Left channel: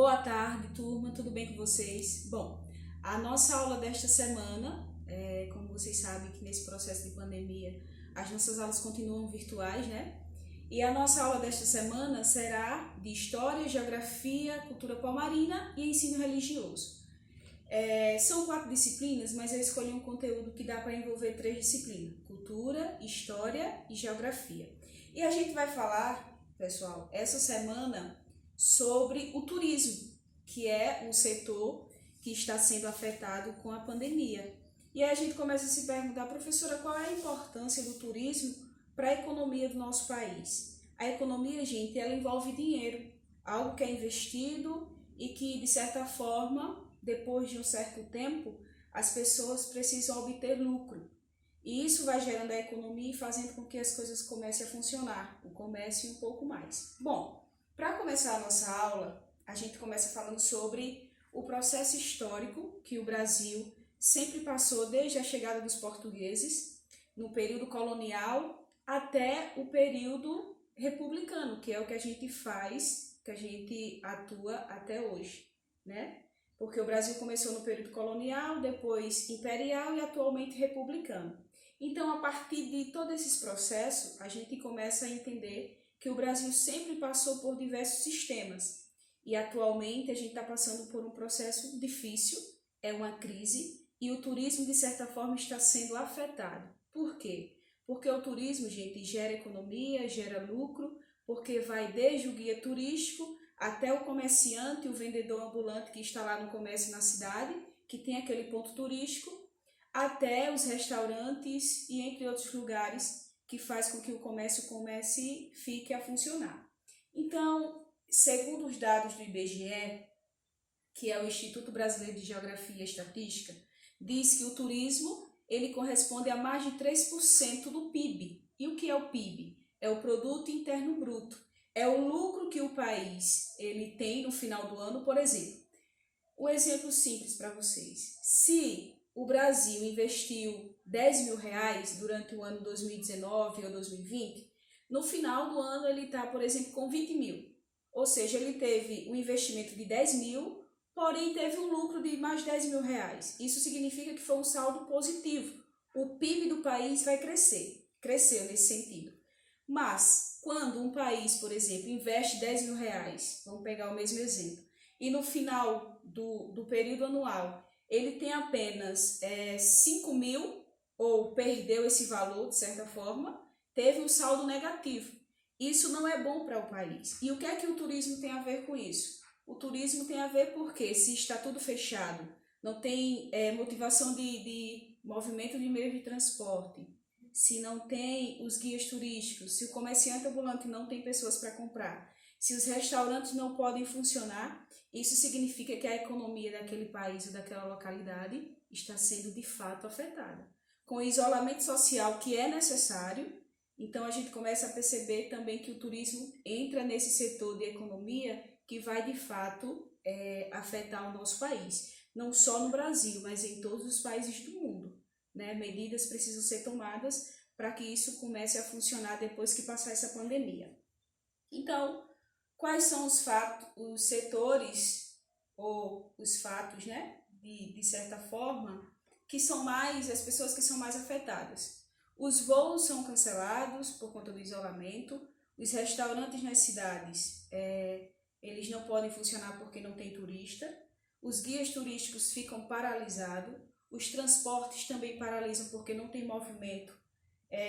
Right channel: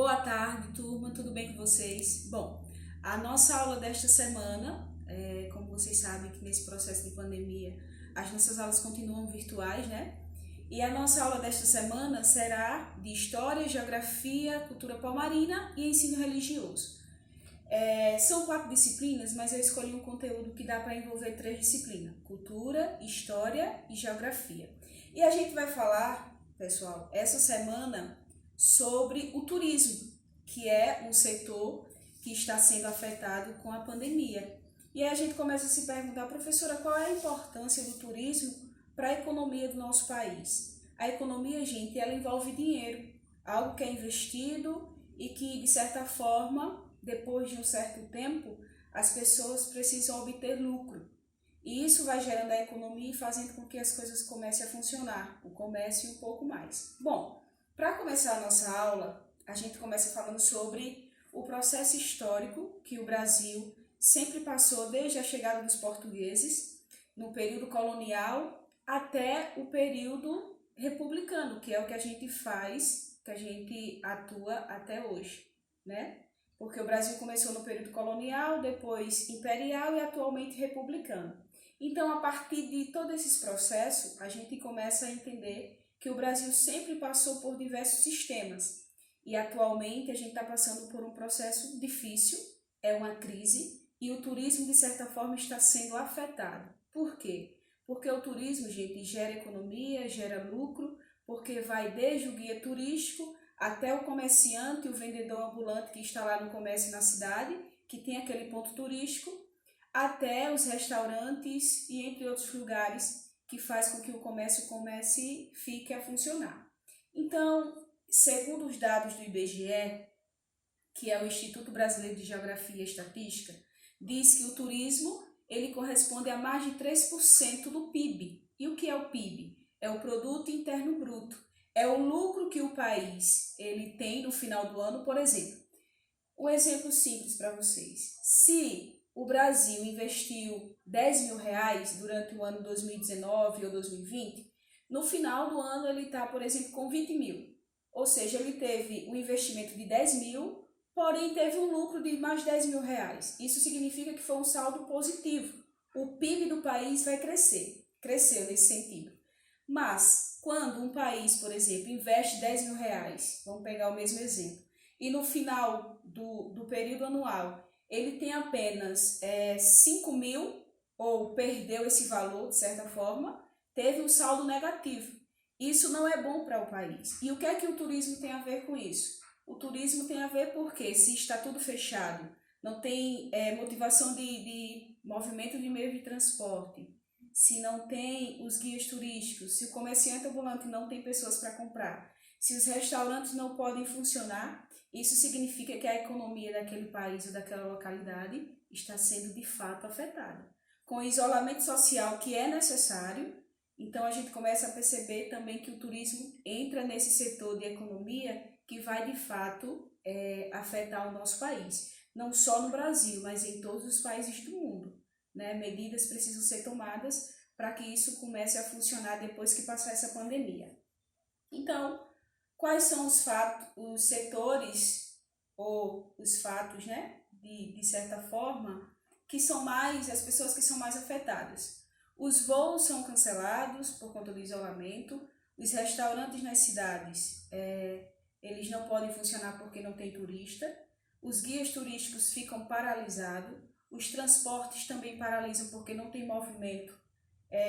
Boa tarde, turma, tudo bem com vocês? Bom, a nossa aula desta semana, como vocês sabem que nesse processo de pandemia as nossas aulas continuam virtuais, né? E a nossa aula desta semana será de História, Geografia, Cultura Palmarina e Ensino Religioso. São 4 disciplinas, mas eu escolhi um conteúdo que dá para envolver 3 disciplinas: Cultura, História e Geografia. E a gente vai falar, pessoal, essa semana sobre o turismo, que é um setor que está sendo afetado com a pandemia. E aí a gente começa a se perguntar, professora, qual é a importância do turismo para a economia do nosso país? A economia, gente, ela envolve dinheiro, algo que é investido e que, de certa forma, depois de um certo tempo, as pessoas precisam obter lucro. E isso vai gerando a economia e fazendo com que as coisas comecem a funcionar, o comércio e um pouco mais. Bom, para começar a nossa aula, a gente começa falando sobre o processo histórico que o Brasil sempre passou desde a chegada dos portugueses, no período colonial até o período republicano, que é o que a gente faz, que a gente atua até hoje, né? Porque o Brasil começou no período colonial, depois imperial e atualmente republicano. Então, a partir de todos esses processos, a gente começa a entender que o Brasil sempre passou por diversos sistemas e atualmente a gente está passando por um processo difícil, é uma crise e o turismo de certa forma está sendo afetado. Por quê? Porque o turismo, gente, gera economia, gera lucro, porque vai desde o guia turístico até o comerciante, o vendedor ambulante que está lá no comércio na cidade, que tem aquele ponto turístico, até os restaurantes e entre outros lugares que faz com que o comércio fique a funcionar. Então, segundo os dados do IBGE, que é o Instituto Brasileiro de Geografia e Estatística, diz que o turismo ele corresponde a mais de 3% do PIB. E o que é o PIB? É o Produto Interno Bruto. É o lucro que o país ele tem no final do ano, por exemplo. Um exemplo simples para vocês. Se o Brasil investiu 10 mil reais durante o ano 2019 ou 2020, no final do ano ele está, por exemplo, com 20 mil. Ou seja, ele teve um investimento de 10 mil, porém teve um lucro de mais 10 mil reais. Isso significa que foi um saldo positivo. O PIB do país vai crescer. Cresceu nesse sentido. Mas, quando um país, por exemplo, investe 10 mil reais, vamos pegar o mesmo exemplo, e no final do período anual ele tem apenas 5 mil, ou perdeu esse valor de certa forma, teve um saldo negativo. Isso não é bom para o país. E o que é que o turismo tem a ver com isso? O turismo tem a ver porque se está tudo fechado, não tem motivação de movimento de meio de transporte, se não tem os guias turísticos, se o comerciante ambulante não tem pessoas para comprar, se os restaurantes não podem funcionar, isso significa que a economia daquele país ou daquela localidade está sendo de fato afetada. Com o isolamento social que é necessário, então a gente começa a perceber também que o turismo entra nesse setor de economia que vai de fato afetar o nosso país. Não só no Brasil, mas em todos os países do mundo, né? Medidas precisam ser tomadas para que isso comece a funcionar depois que passar essa pandemia. Então, quais são os setores ou os fatos, né, de certa forma, que são as pessoas que são mais afetadas? Os voos são cancelados por conta do isolamento, os restaurantes nas cidades, eles não podem funcionar porque não tem turista, os guias turísticos ficam paralisados, os transportes também paralisam porque não tem movimento,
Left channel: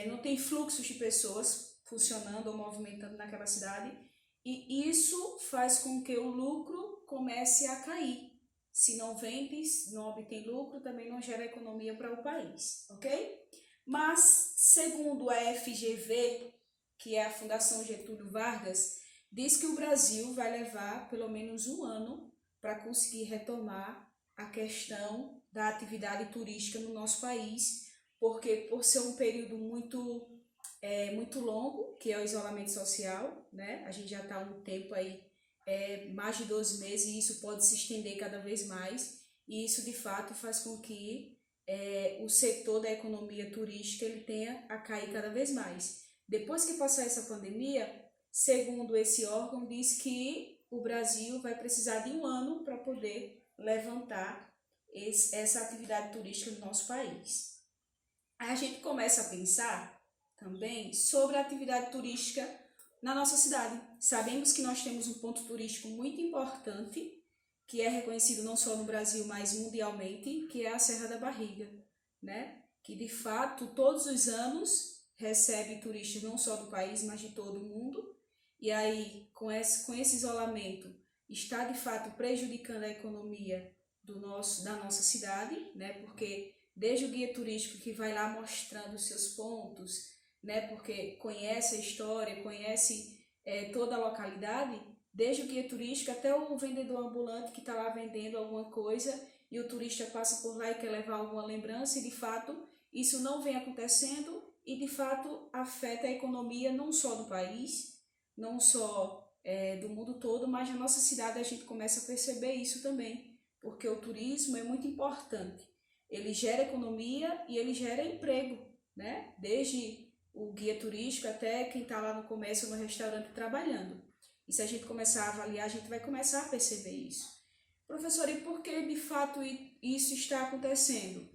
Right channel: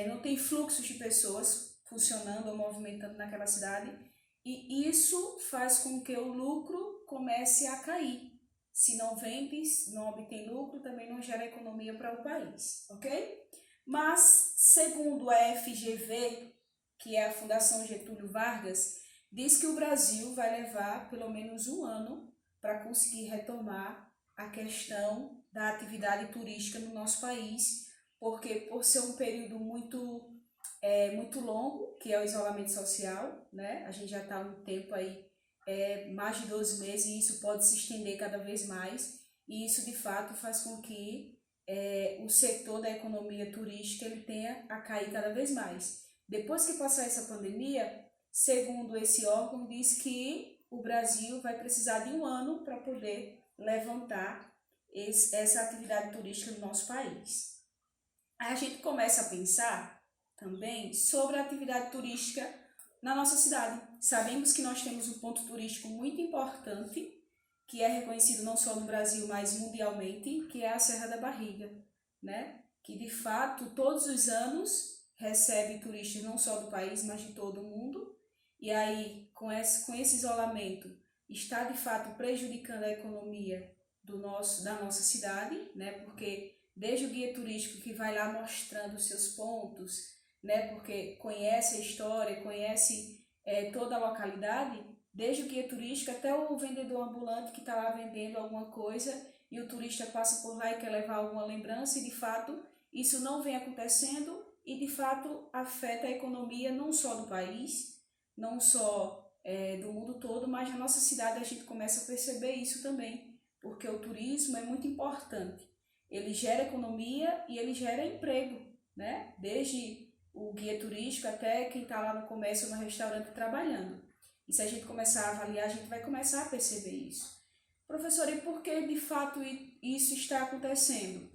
não tem fluxos de pessoas funcionando ou movimentando naquela cidade, e isso faz com que o lucro comece a cair. Se não vende, não obtém lucro, também não gera economia para o país, ok? Mas, segundo a FGV, que é a Fundação Getúlio Vargas, diz que o Brasil vai levar pelo menos um ano para conseguir retomar a questão da atividade turística no nosso país, porque por ser um período muito longo, que é o isolamento social, né? A gente já está há um tempo aí, mais de 12 meses, e isso pode se estender cada vez mais, e isso de fato faz com que o setor da economia turística ele tenha a cair cada vez mais. Depois que passar essa pandemia, segundo esse órgão, diz que o Brasil vai precisar de um ano para poder levantar essa atividade turística no nosso país. Aí a gente começa a pensar também sobre a atividade turística na nossa cidade. Sabemos que nós temos um ponto turístico muito importante, que é reconhecido não só no Brasil, mas mundialmente, que é a Serra da Barriga, né? Que de fato todos os anos recebe turistas não só do país, mas de todo o mundo. E aí, com esse isolamento, está de fato prejudicando a economia da nossa cidade, né? Porque desde o guia turístico que vai lá mostrando os seus pontos, né? Porque conhece a história, conhece toda a localidade, desde o guia turístico até o vendedor ambulante que está lá vendendo alguma coisa e o turista passa por lá e quer levar alguma lembrança e de fato isso não vem acontecendo e de fato afeta a economia não só do país, não só do mundo todo, mas na nossa cidade a gente começa a perceber isso também, porque o turismo é muito importante. Ele gera economia e ele gera emprego, né? Desde o guia turístico até quem está lá no comércio ou no restaurante trabalhando. E se a gente começar a avaliar, a gente vai começar a perceber isso. Professor, e por que de fato isso está acontecendo?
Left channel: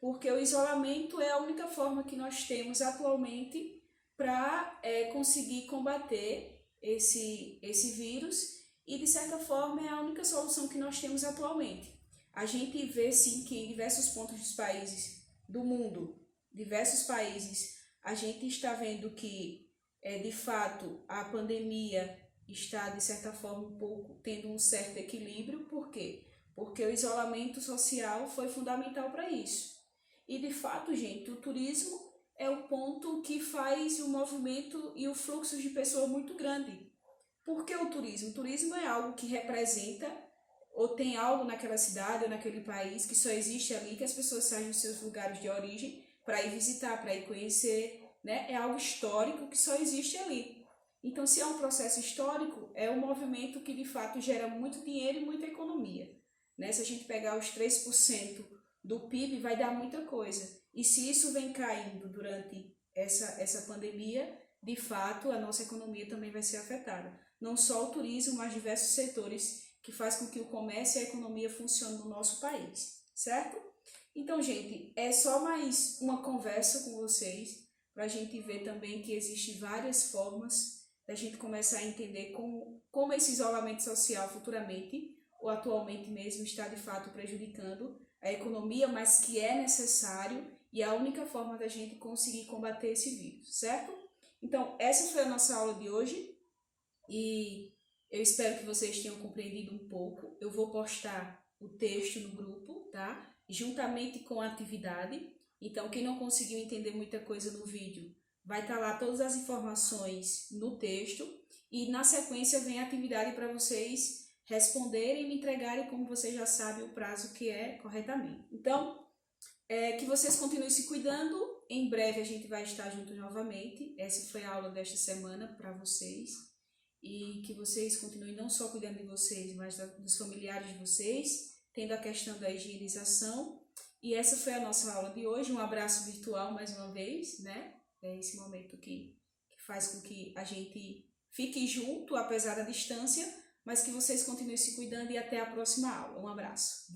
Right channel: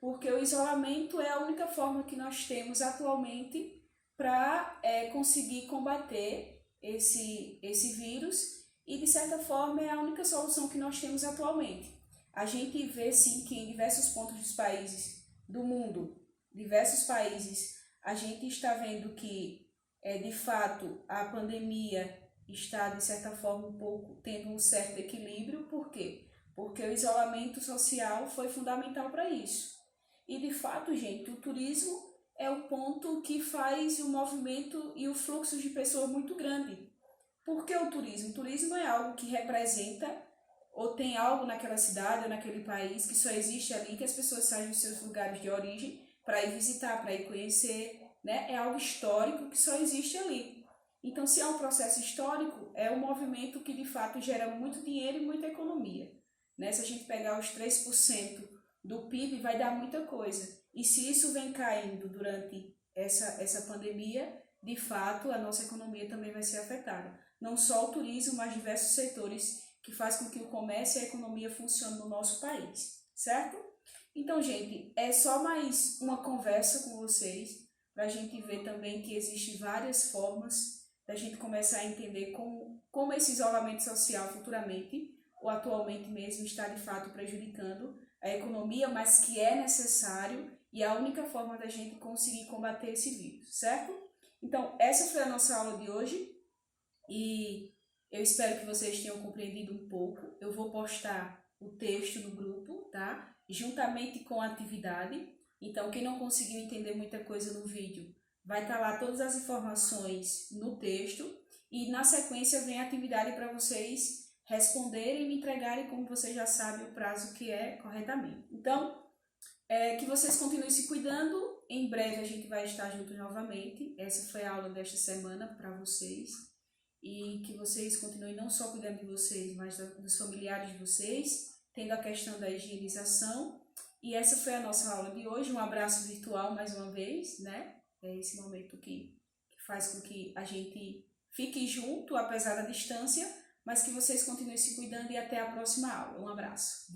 Porque o isolamento é a única forma que nós temos atualmente para conseguir combater esse vírus e, de certa forma, é a única solução que nós temos atualmente. A gente vê, sim, que em diversos pontos dos países do mundo, diversos países, a gente está vendo que, de fato, a pandemia está, de certa forma, um pouco tendo um certo equilíbrio. Por quê? Porque o isolamento social foi fundamental para isso. E, de fato, gente, o turismo é o ponto que faz o movimento e o fluxo de pessoas muito grande. Por que o turismo? O turismo é algo que representa ou tem algo naquela cidade ou naquele país que só existe ali, que as pessoas saem dos seus lugares de origem para ir visitar, para ir conhecer, né? É algo histórico que só existe ali. Então, se é um processo histórico, é um movimento que de fato gera muito dinheiro e muita economia, né? Se a gente pegar os 3% do PIB, vai dar muita coisa. E se isso vem caindo durante essa pandemia, de fato, a nossa economia também vai ser afetada. Não só o turismo, mas diversos setores que faz com que o comércio e a economia funcionem no nosso país, certo? Então, gente, é só mais uma conversa com vocês para a gente ver também que existem várias formas da gente começar a entender como esse isolamento social futuramente ou atualmente mesmo está de fato prejudicando a economia, mas que é necessário e é a única forma da gente conseguir combater esse vírus, certo? Então, essa foi a nossa aula de hoje e eu espero que vocês tenham compreendido um pouco. Eu vou postar o texto no grupo, tá? Juntamente com a atividade. Então, quem não conseguiu entender muita coisa no vídeo, vai estar lá todas as informações no texto. E na sequência vem a atividade para vocês responderem e me entregarem, como vocês já sabem, o prazo que é corretamente. Então, que vocês continuem se cuidando. Em breve a gente vai estar juntos novamente. Essa foi a aula desta semana para vocês. E que vocês continuem não só cuidando de vocês, mas dos familiares de vocês, tendo a questão da higienização. E essa foi a nossa aula de hoje. Um abraço virtual mais uma vez, né? É esse momento que faz com que a gente fique junto, apesar da distância, mas que vocês continuem se cuidando e até a próxima aula. Um abraço.